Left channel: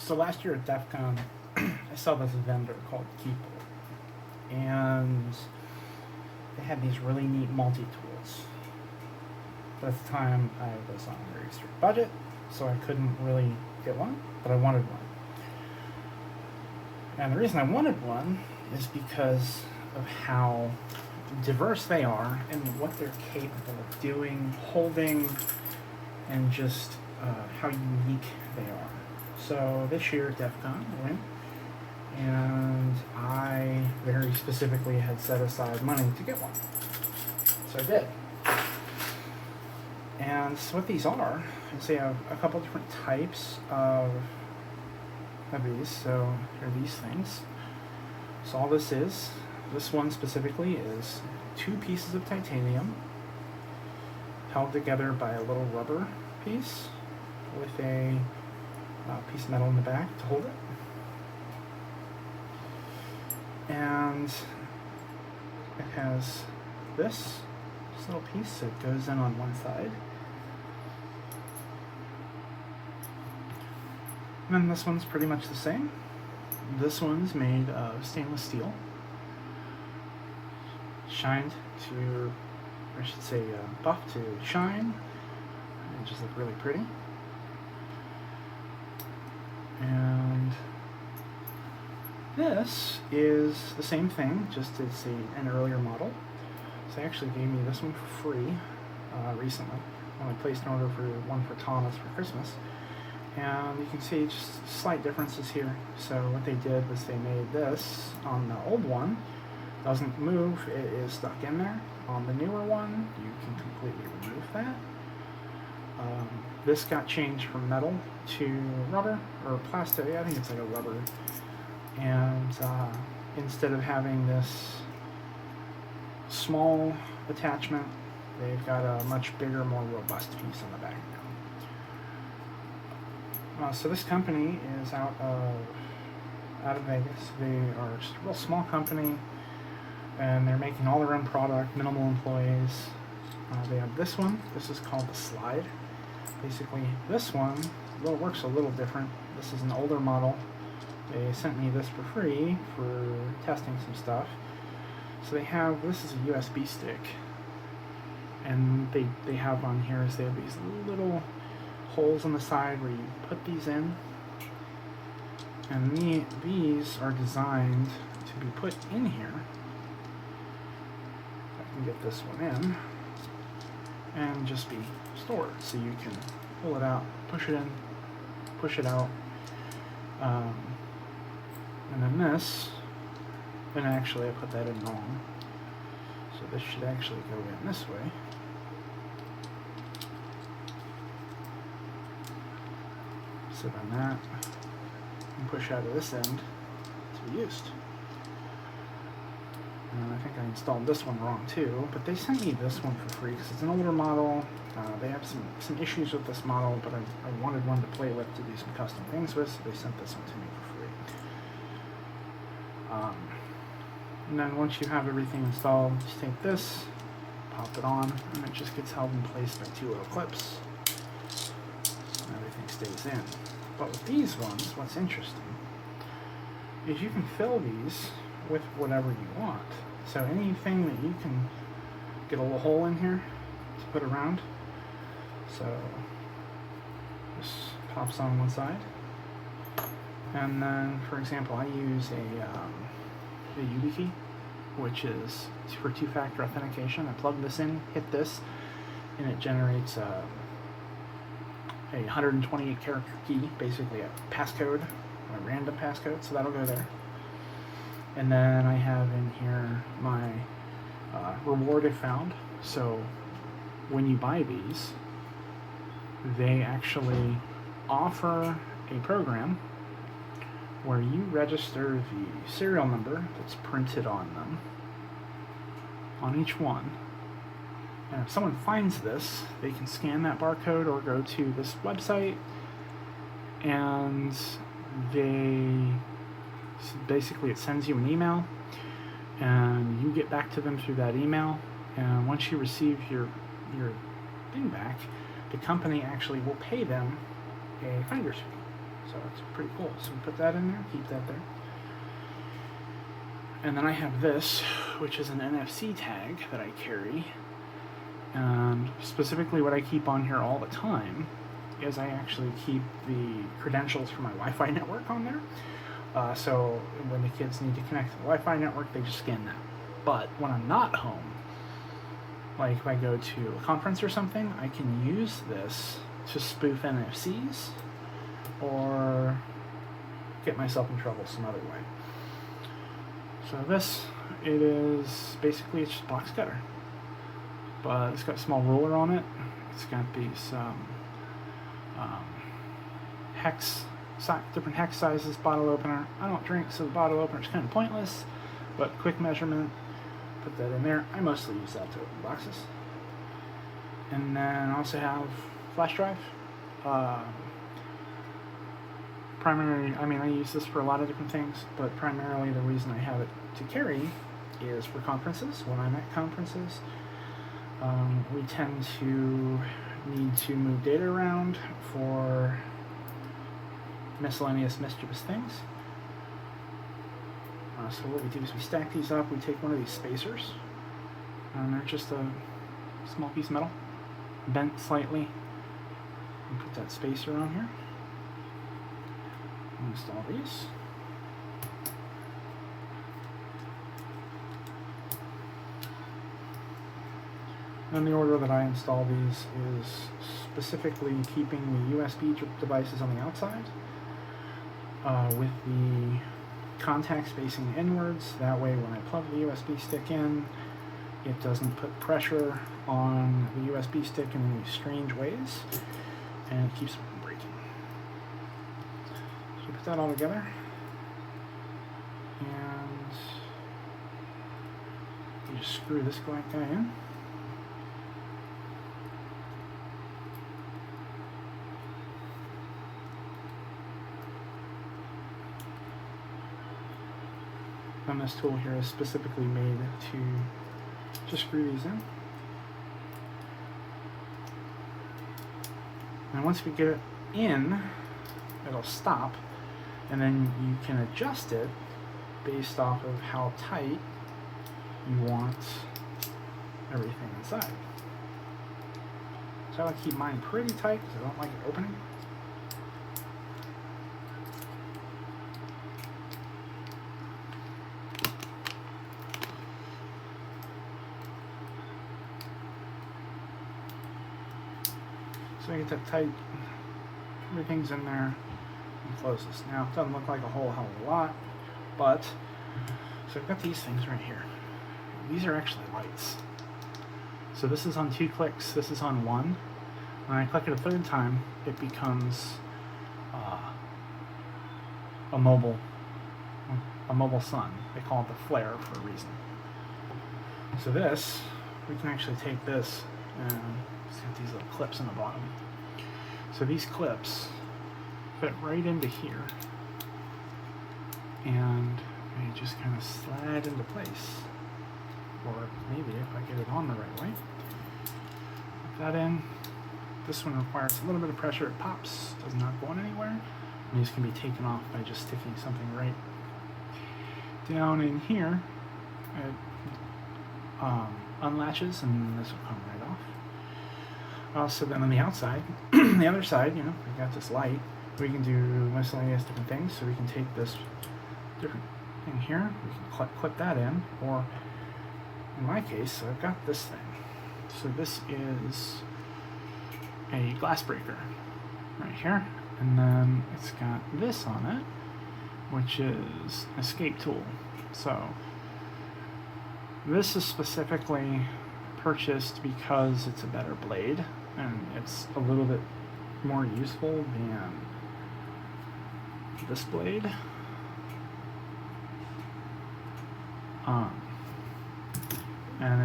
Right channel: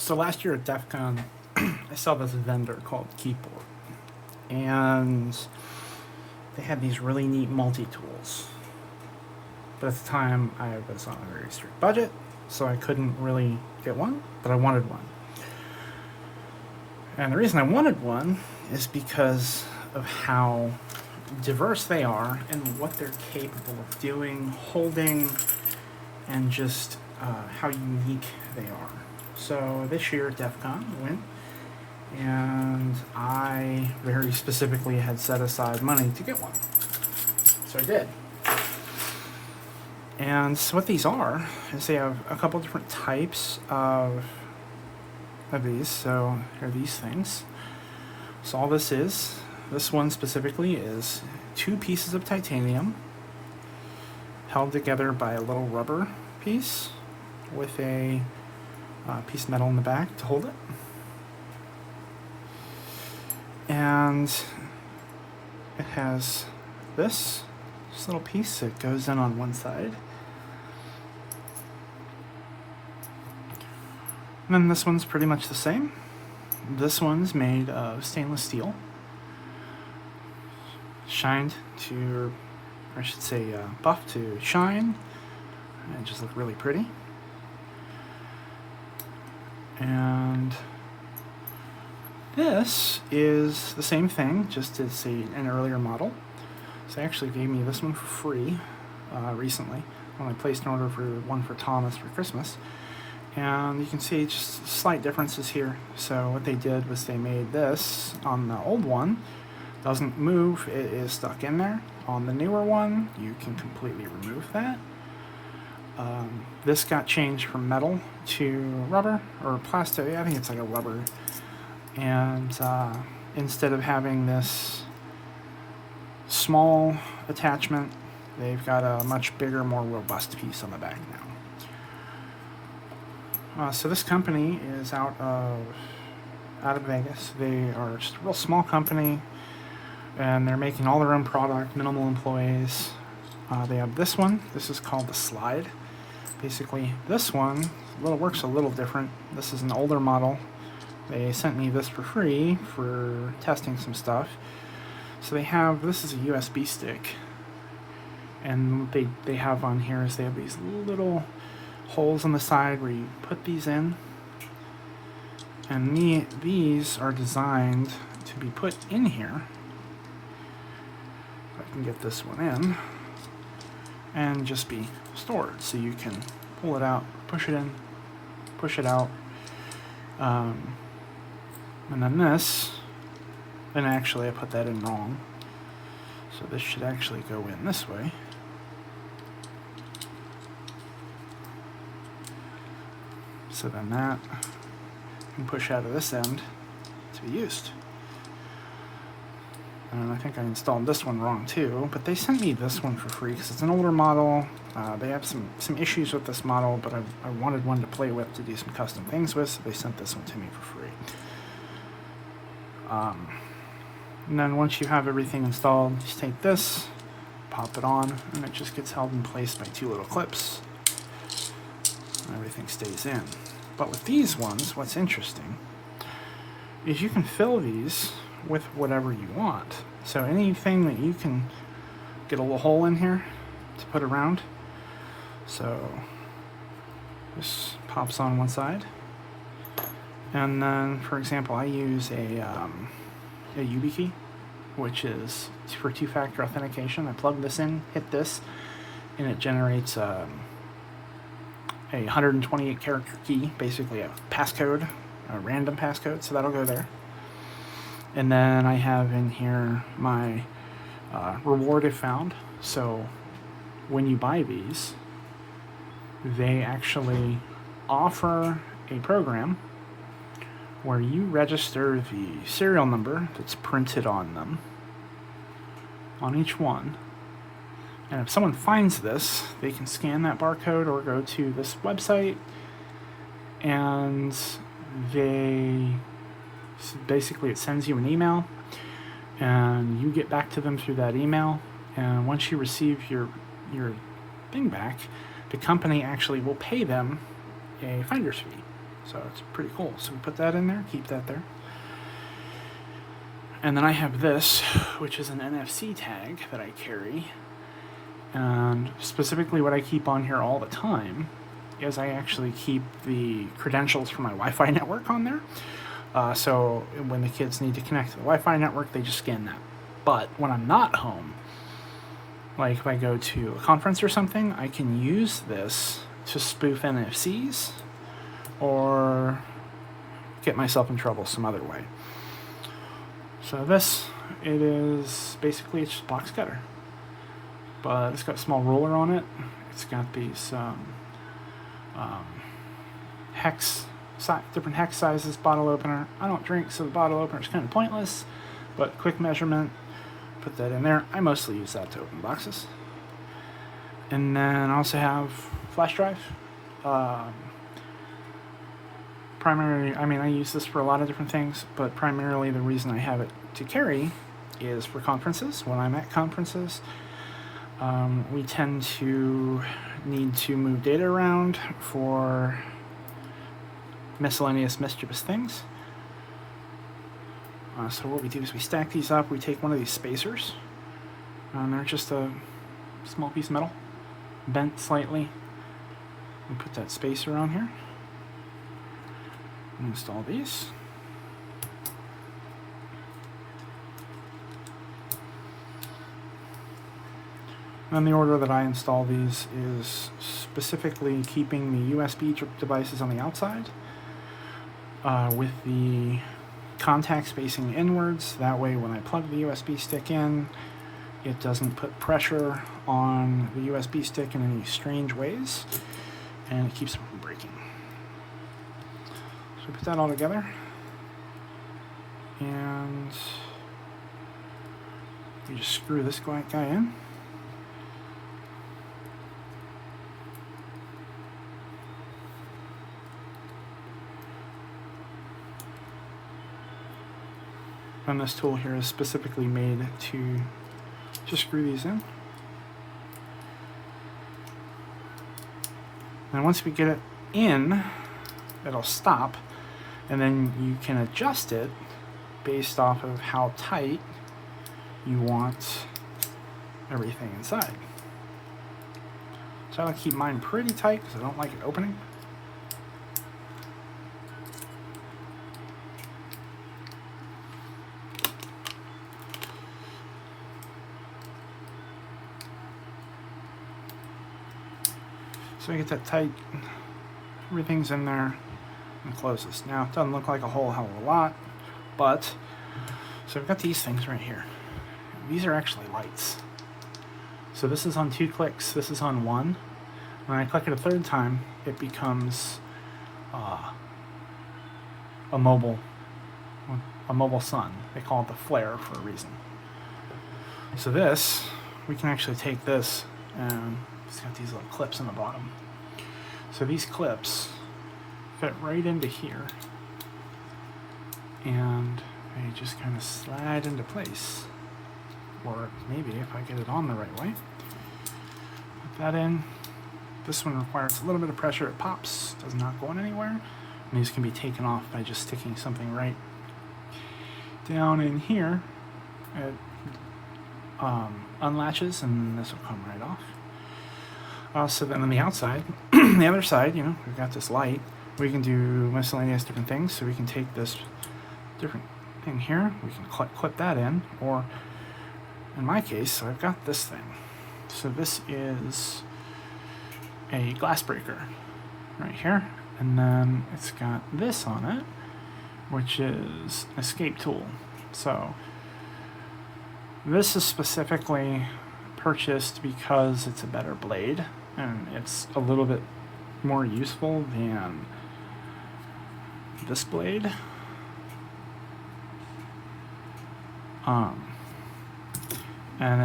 So last year at DEF CON, I saw this vendor called Keyboard, and they had these really neat multi-tools. But at the time, I was on a very strict budget, so I couldn't really get one, but I wanted one. And the reason I wanted one is because of how diverse they are and what they're capable of doing, holding, and just how unique they are. So this year at DEF CON, I went, and I very specifically had set aside money to get one. So I did. And so what these are is they have a couple different types of these. So here are these things. So all this one specifically is 2 pieces of titanium held together by a little rubber piece with a piece of metal in the back to hold it. And it has this little piece that goes in on one side. And then this one's pretty much the same. This one's made of stainless steel, shined to, or I should say buffed to shine, and just look really pretty. And this is the same thing, just as an earlier model. So they actually gave me this one for free recently when I placed an order for one for Thomas for Christmas. And you can see just slight differences here. So what they did was they made this on the old one, doesn't move, it is stuck in there. On the newer one, you can completely remove that. This got changed from metal to rubber, or plastic, I think it's like a rubber. And instead of having this small attachment, they've got a much bigger, more robust piece on the back now. So this company is out of Vegas. They are just a real small company, and they're making all their own product, minimal employees. They have this one. This is called the Slide. Basically, this one works a little different. This is an older model. They sent me this for free for testing some stuff. So this is a USB stick, and what they have on here is they have these little holes on the side where you put these in, and these are designed to be put in here. I can get this one in and just be stored, so you can pull it out, push it in, push it out, and then then actually I put that in wrong, so this should actually go in this way. So then that can push out of this end to be used. And I think I installed this one wrong too, but they sent me this one for free because it's an older model. They have some issues with this model, but I wanted one to play with to do some custom things with, so they sent this one to me for free. And then once you have everything installed, just take this, pop it on, and it just gets held in place by 2 little clips, and everything stays in. But with these ones, what's interesting is you can fill these with whatever you want. So anything that you can get a little hole in here to put around. So this pops on one side, and then, for example, I use a YubiKey, which is for 2-factor authentication. I plug this in, hit this, and it generates a 128 character key, basically a passcode, a random passcode, so that'll go there. And then I have in here my reward if found. So when you buy these, they actually offer a program where you register the serial number that's printed on them, on each one. And if someone finds this, they can scan that barcode or go to this website, and basically it sends you an email, and you get back to them through that email. And once you receive your thing back, the company actually will pay them a finder's fee. So it's pretty cool. So we put that in there, keep that there. And then I have this, which is an NFC tag that I carry. And specifically what I keep on here all the time is I actually keep the credentials for my Wi-Fi network on there. So when the kids need to connect to the Wi-Fi network, they just scan that. But when I'm not home, like if I go to a conference or something, I can use this to spoof NFCs or get myself in trouble some other way. So this, it is basically it's just box cutter, but it's got a small ruler on it. It's got these different hex sizes, bottle opener. I don't drink, so the bottle opener is kind of pointless, but quick measurement, put that in there. I mostly use that to open boxes. And then I also have flash drive. Primarily, I mean, I use this for a lot of different things, but primarily the reason I have it to carry is for conferences. When I'm at conferences, we tend to need to move data around for miscellaneous mischievous things. So what we do is we stack these up. We take one of these spacers, and they're just a small piece of metal, bent slightly, and put that spacer on here. And install these. And the order that I install these is specifically keeping the USB devices on the outside with the contacts facing inwards. That way when I plug the USB stick in, it doesn't put pressure on the USB stick in any strange ways, and it keeps it from breaking. So put that all together, and you just screw this guy in. And this tool here is specifically made to just screw these in. And once we get it in, it'll stop, and then you can adjust it based off of how tight you want everything inside. So I like to keep mine pretty tight because I don't like it opening. So I get that tight, everything's in there, and close this. Now it doesn't look like a whole hell of a lot, but, so I've got these things right here. These are actually lights. So this is on 2 clicks, this is on 1. When I click it a 3rd time, it becomes a mobile sun. They call it the flare for a reason. So this, we can actually take this and it's got these little clips in the bottom. So these clips fit right into here, and they just kind of slide into place. Or maybe if I get it on the right way. Put that in. This one requires a little bit of pressure. It pops, does not go anywhere. And these can be taken off by just sticking something right down in here. It unlatches, and this will come right off. So then on the outside, the other side, you know, we've got this light. We can do miscellaneous different things. So we can take this different thing here. We can clip that in, or in my case, I've got this thing. So this is a glass breaker right here, and then it's got this on it, which is an escape tool. So this is specifically purchased because it's a better blade and it's a little bit more useful than this blade. And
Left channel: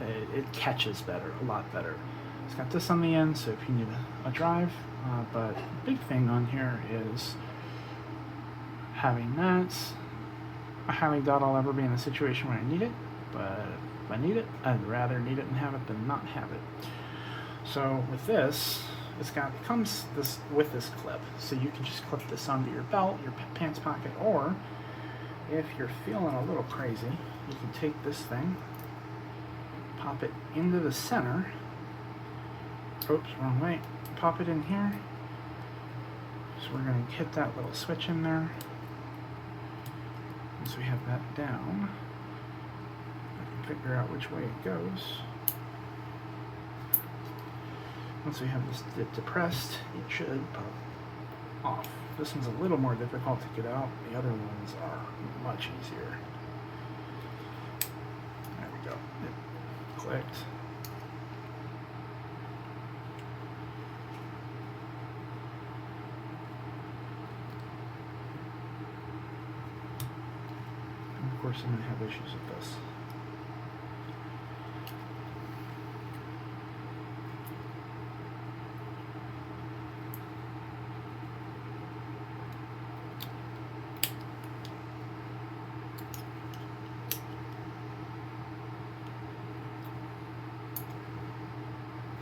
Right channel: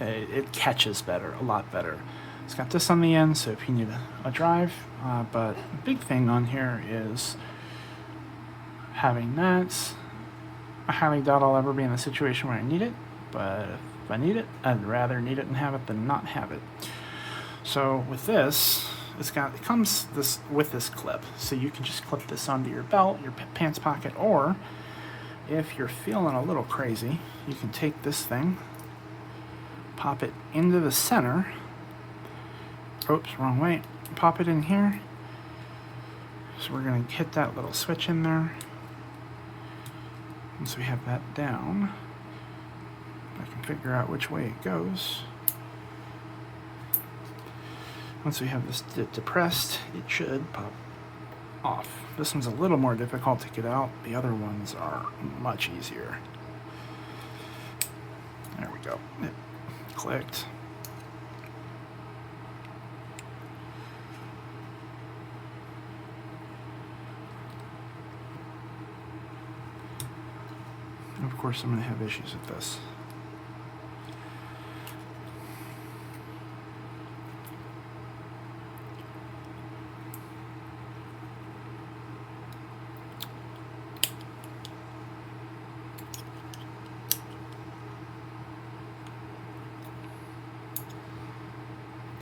it catches better, a lot better. It's got this on the end, so if you need a drive, but the big thing on here is having that. I highly doubt I'll ever be in a situation where I need it, but if I need it, I'd rather need it and have it than not have it. So with this, it comes with this clip, so you can just clip this onto your belt, your pants pocket, or if you're feeling a little crazy, you can take this thing, pop it into the center. Oops, wrong way. Pop it in here. So we're going to hit that little switch in there. Once we have that down, I can figure out which way it goes. Once we have this depressed, it should pop off. This one's a little more difficult to get out. The other ones are much easier. There we go. It clicked. And of course, I'm going to have issues with this.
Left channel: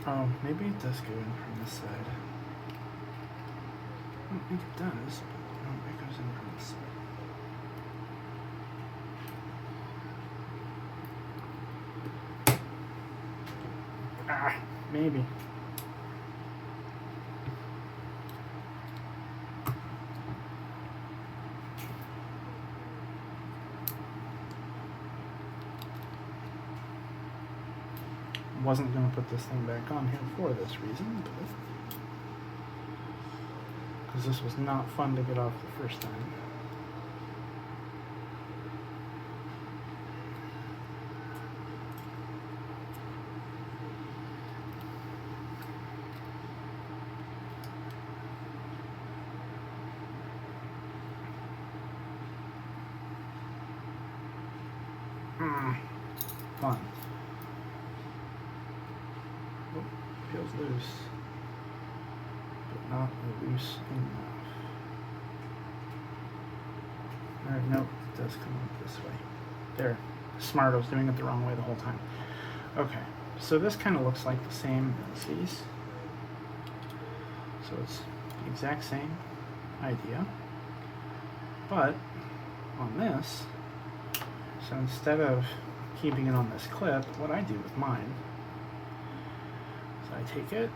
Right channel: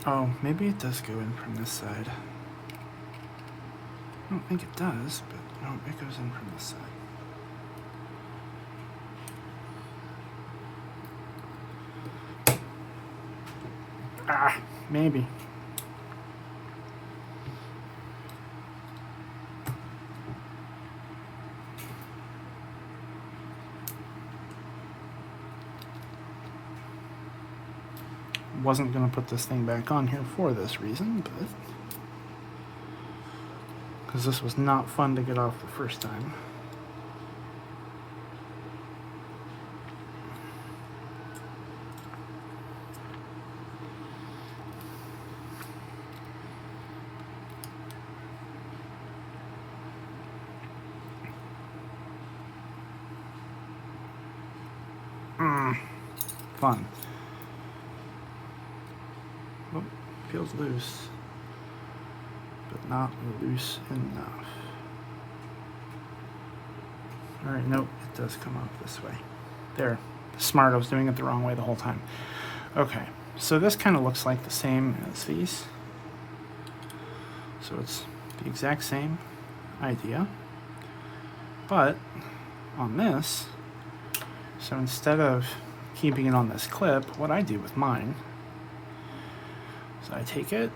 Oh, maybe it does go in from this side. I don't think it does, but no, it goes in from this side. Ah, maybe. Wasn't going to put this thing back on here for this reason, but because this was not fun to get off the first time. Fun. Oh, feels loose, but not loose enough. Alright, nope, it does come up this way. There. Smart, I was doing it the wrong way the whole time. Okay, so this kind of looks like the same as these. So it's the exact same idea. But on this, so instead of keeping it on this clip, what I do with mine is I take it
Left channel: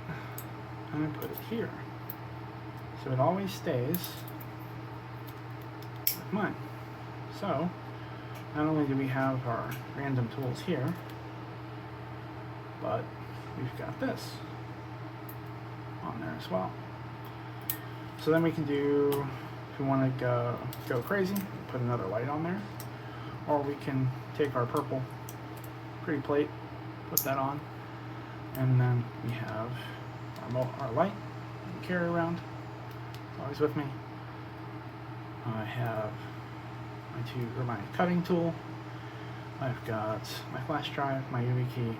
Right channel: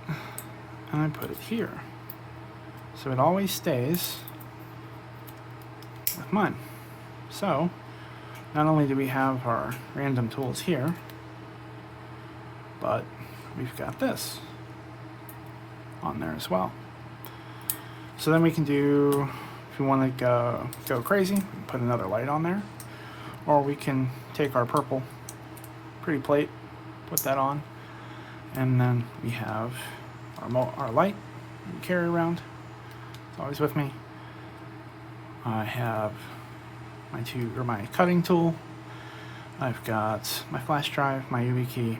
and I put it here. So it always stays with mine. So not only do we have our random tools here, but we've got this on there as well. So then we can do, if we want to go crazy, put another light on there. Or we can take our purple pretty plate, put that on, and then we have our light that we carry around. It's always with me. I have my cutting tool. I've got my flash drive, my YubiKey,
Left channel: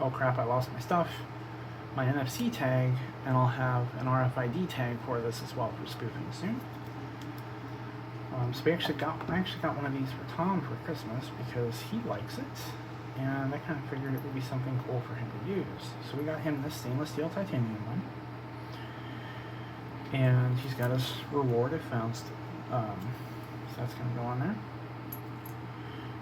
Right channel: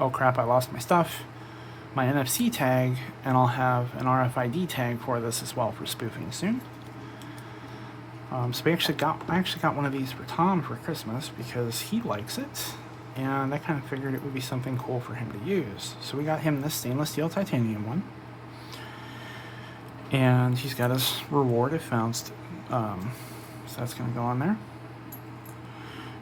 oh crap, I lost my stuff, my NFC tag, and I'll have an RFID tag for this as well for spoofing soon. So I actually got one of these for Tom for Christmas because he likes it, and I kind of figured it would be something cool for him to use. So we got him this stainless steel titanium one, and he's got his reward if found. So that's going to go on there.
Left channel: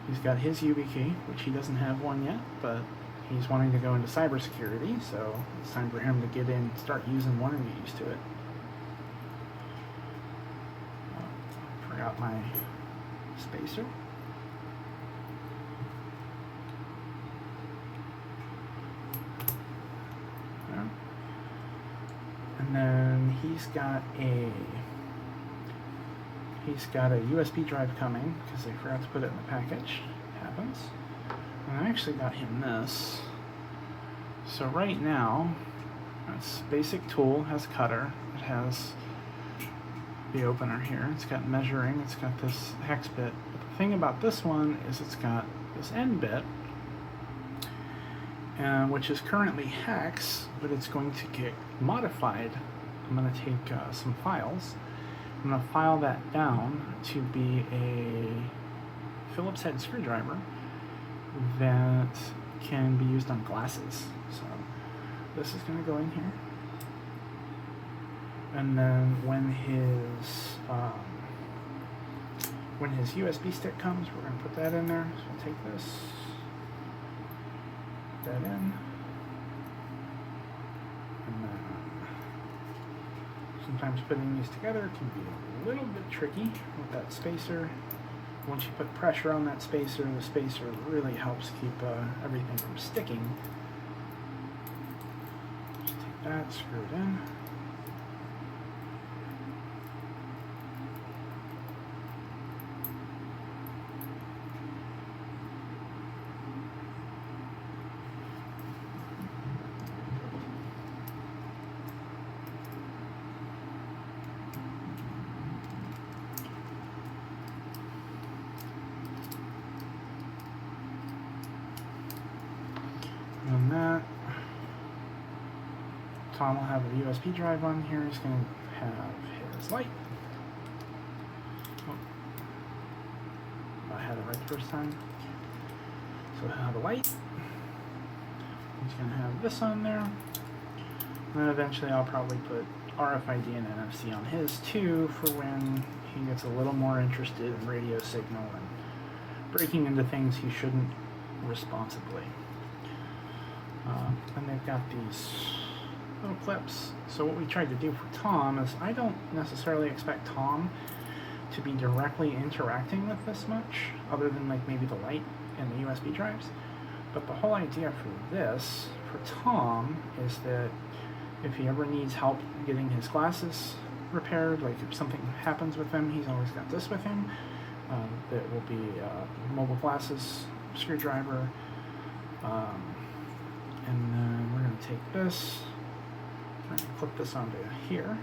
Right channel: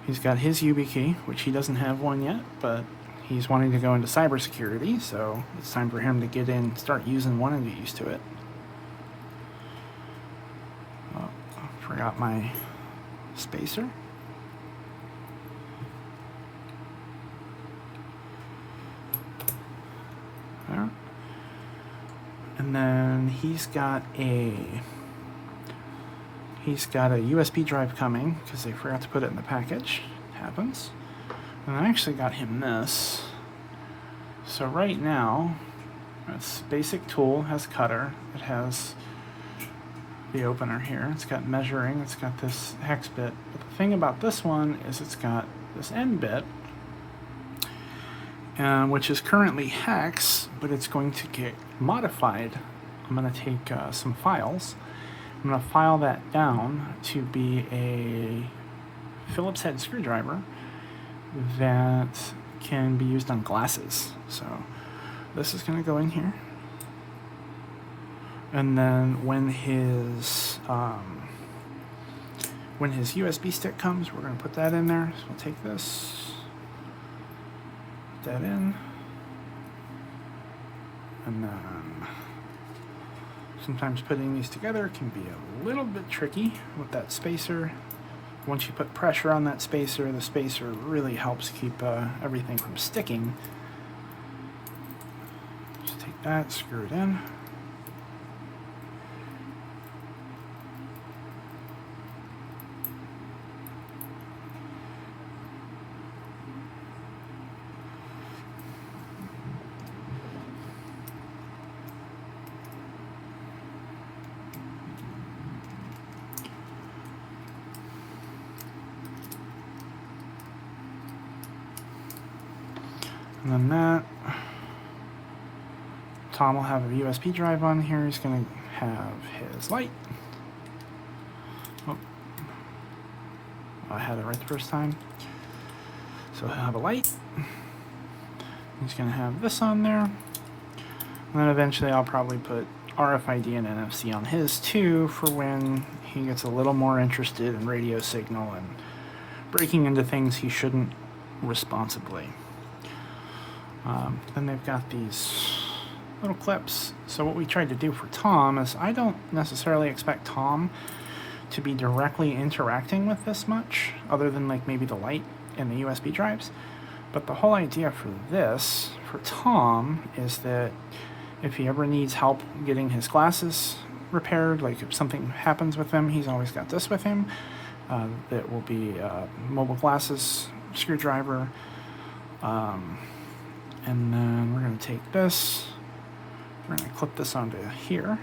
He's got his YubiKey, which he doesn't have one yet, but he's wanting to go into cybersecurity, so it's time for him to get in, start using one and get used to it. Forgot my spacer. There. And then he's got a USB drive coming because they forgot to put it in the package. Happens. And I actually got him this. So right now, this basic tool has cutter. It has the opener here. It's got measuring. It's got this hex bit. But the thing about this one is it's got this end bit, which is currently hex, but it's going to get modified. I'm going to take some files. I'm going to file that down to be a Phillips head screwdriver that can be used on glasses. So this is going to go in here. And then when his USB stick comes, we're going to put that in there. So we'll take this, put that in, and then sometimes putting these together can be a little bit tricky with that spacer. Once you put pressure on that spacer, the spacer really helps keep everything from sticking. Just take that, screw it in. And then that, Tom will have a USB drive on here. He's going to have his light. Oh, I had it right the first time. So he'll have a light. He's going to have this on there. And then eventually I'll probably put RFID and NFC on his too for when he gets a little more interested in radio signal and breaking into things he shouldn't responsibly. Then they've got these little clips. So what we tried to do for Tom is I don't necessarily expect Tom to be directly interacting with this much, other than like maybe the light and the USB drives. But the whole idea for this, for Tom, is that if he ever needs help getting his glasses repaired, like if something happens with them, he's always got this with him. That will be mobile glasses, screwdriver, and then we're going to take this, we're going to clip this onto here.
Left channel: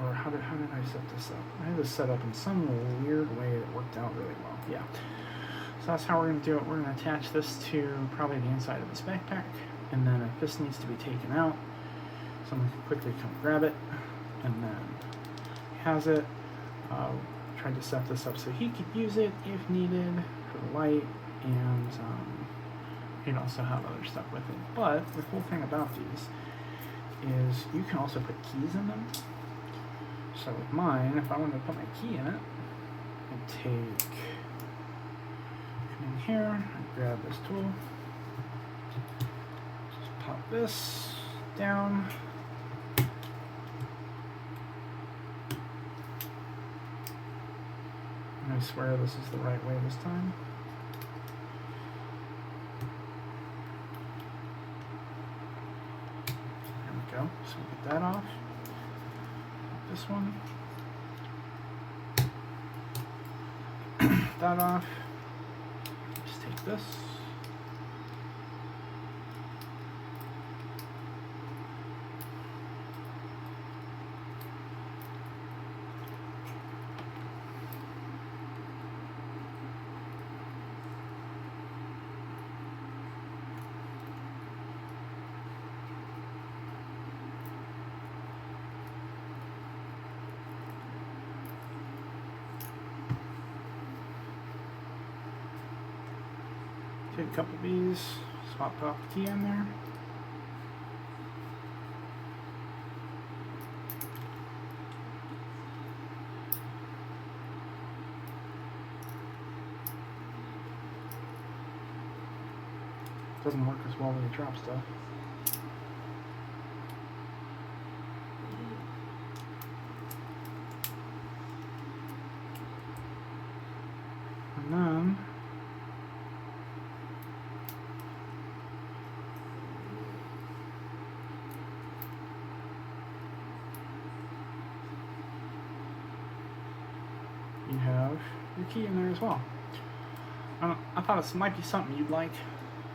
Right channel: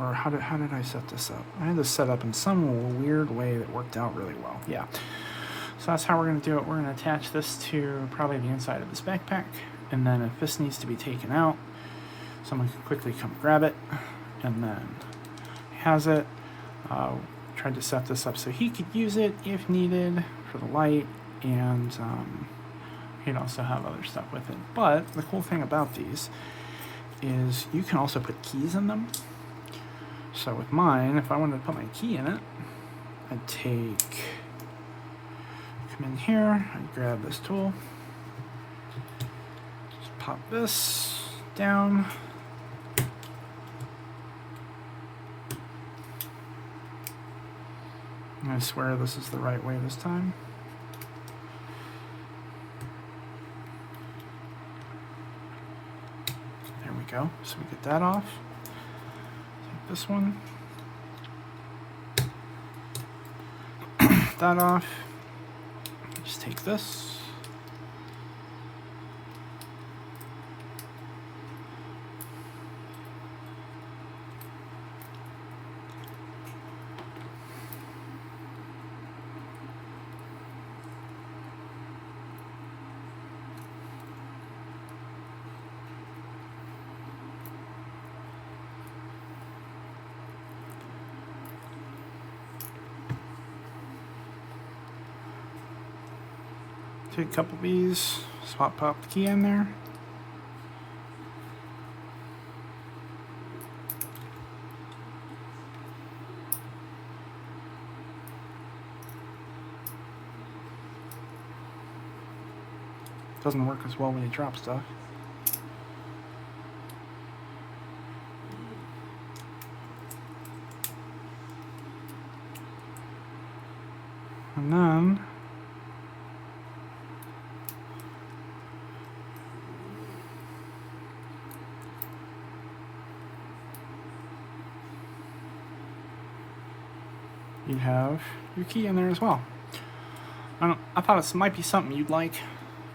Or how did I set this up? I had this set up in some weird way that worked out really well. Yeah. So that's how we're going to do it. We're going to attach this to probably the inside of this backpack. And then if this needs to be taken out, someone can quickly come grab it. And then he has it. Tried to set this up so he could use it if needed for the light. And he'd also have other stuff with it. But the cool thing about these is you can also put keys in them. So with mine, if I wanted to put my key in it, I'd come in here, I'd grab this tool, just pop this down, and I swear this is the right way this time. There we go, so we get that off. This one, that off, just take this, take a couple of these, pop the key in there. Doesn't work as well when you drop stuff. And then you have your key in there as well. I thought it might be something you'd like.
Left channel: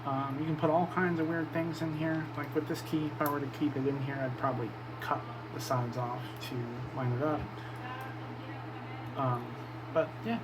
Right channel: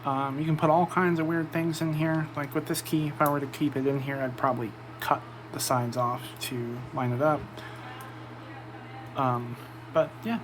You can put all kinds of weird things in here. Like with this key, if I were to keep it in here, I'd probably cut the sides off to line it up. But yeah.